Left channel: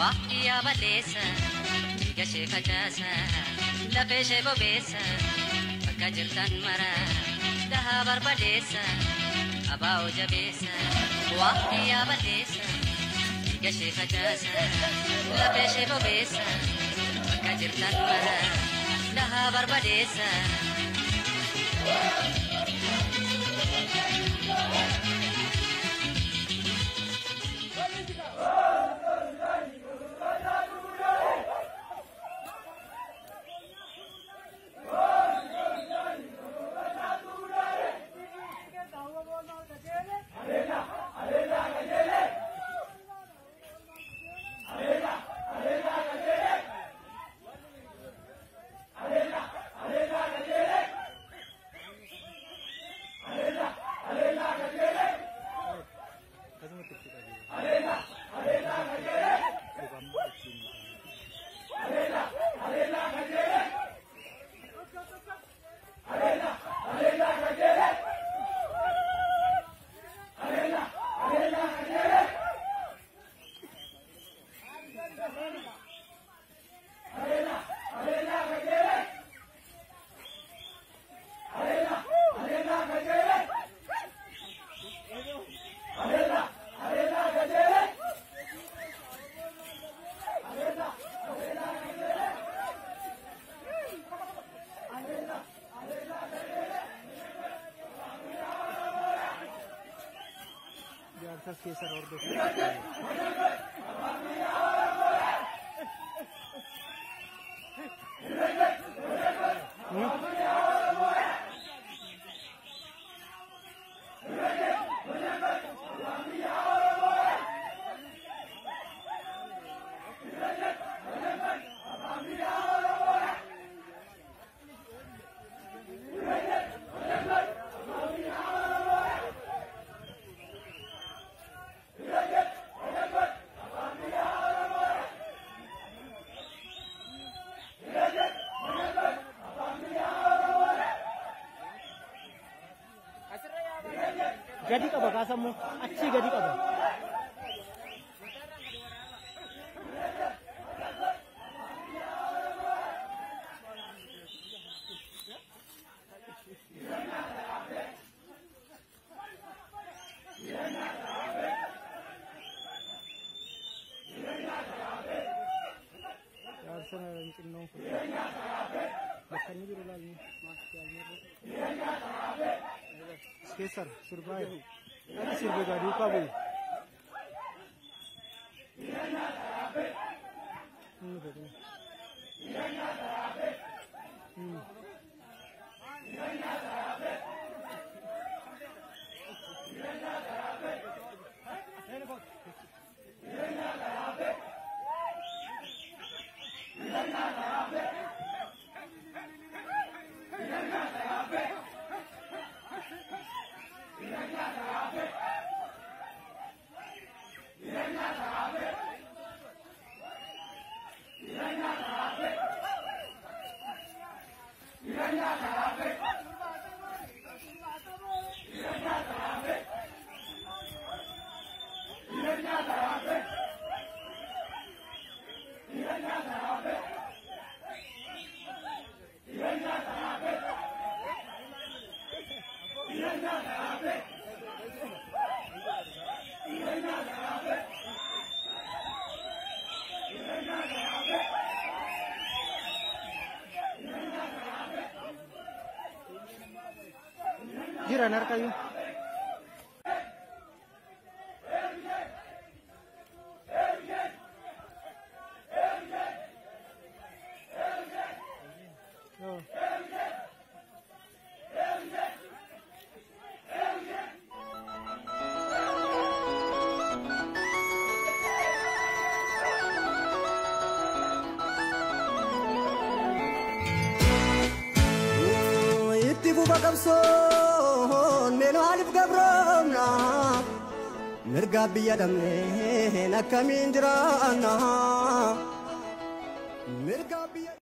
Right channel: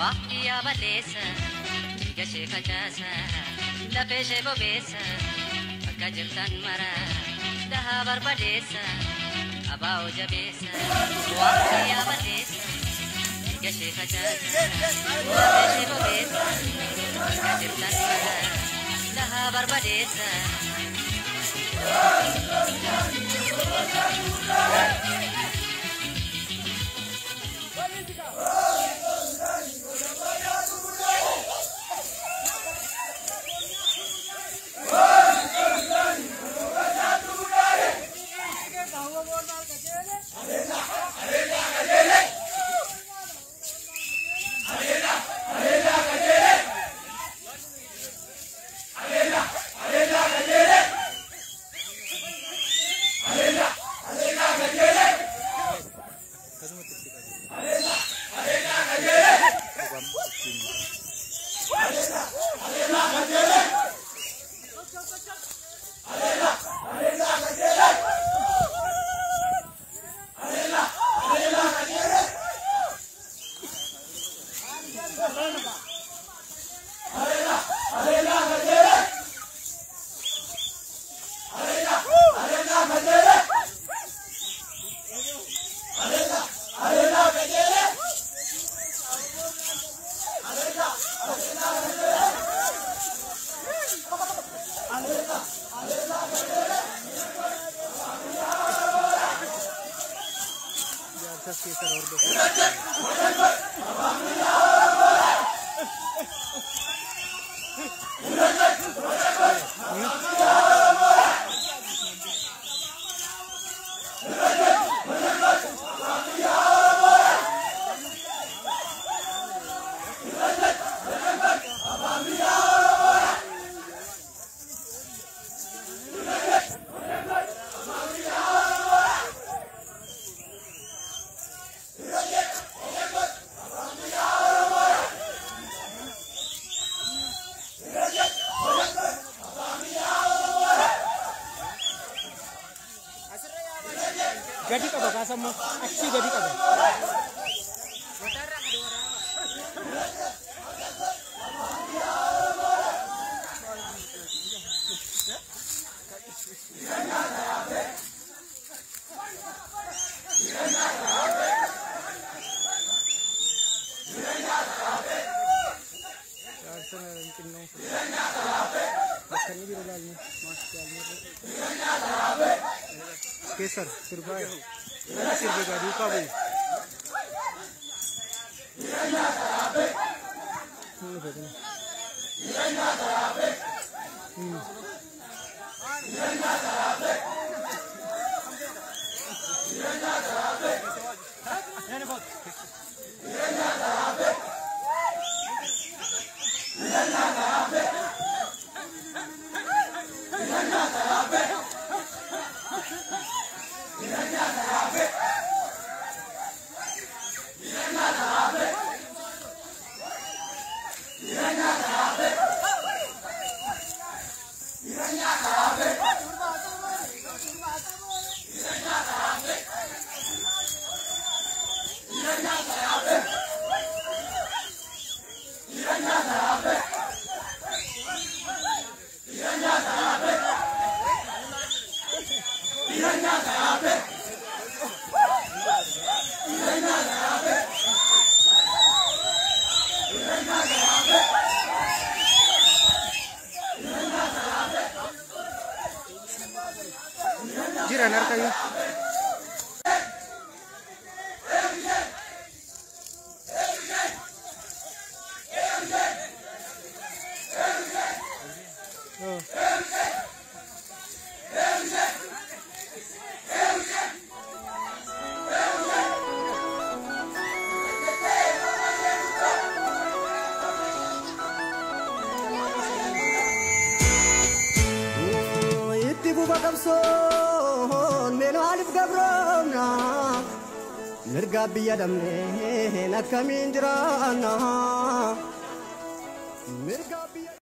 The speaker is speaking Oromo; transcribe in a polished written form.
وحكي يا بديسة جسي فتاسة لفيسي ببيسة فكجر كان مرا دها بربديسة أباو جبيسة وحكي يا بديسة جسي فتاسة لفيسي ببيسة فكجر كان مرا دها بربديسة Gadi ka ba kasam mo? Aksi gadi ka ba? Kesar, surbai. Ada surbai gadi ka boy. Jira narka yun. Bakabson meno alif gabromna mirga biya damne nakamin jirana mirga biya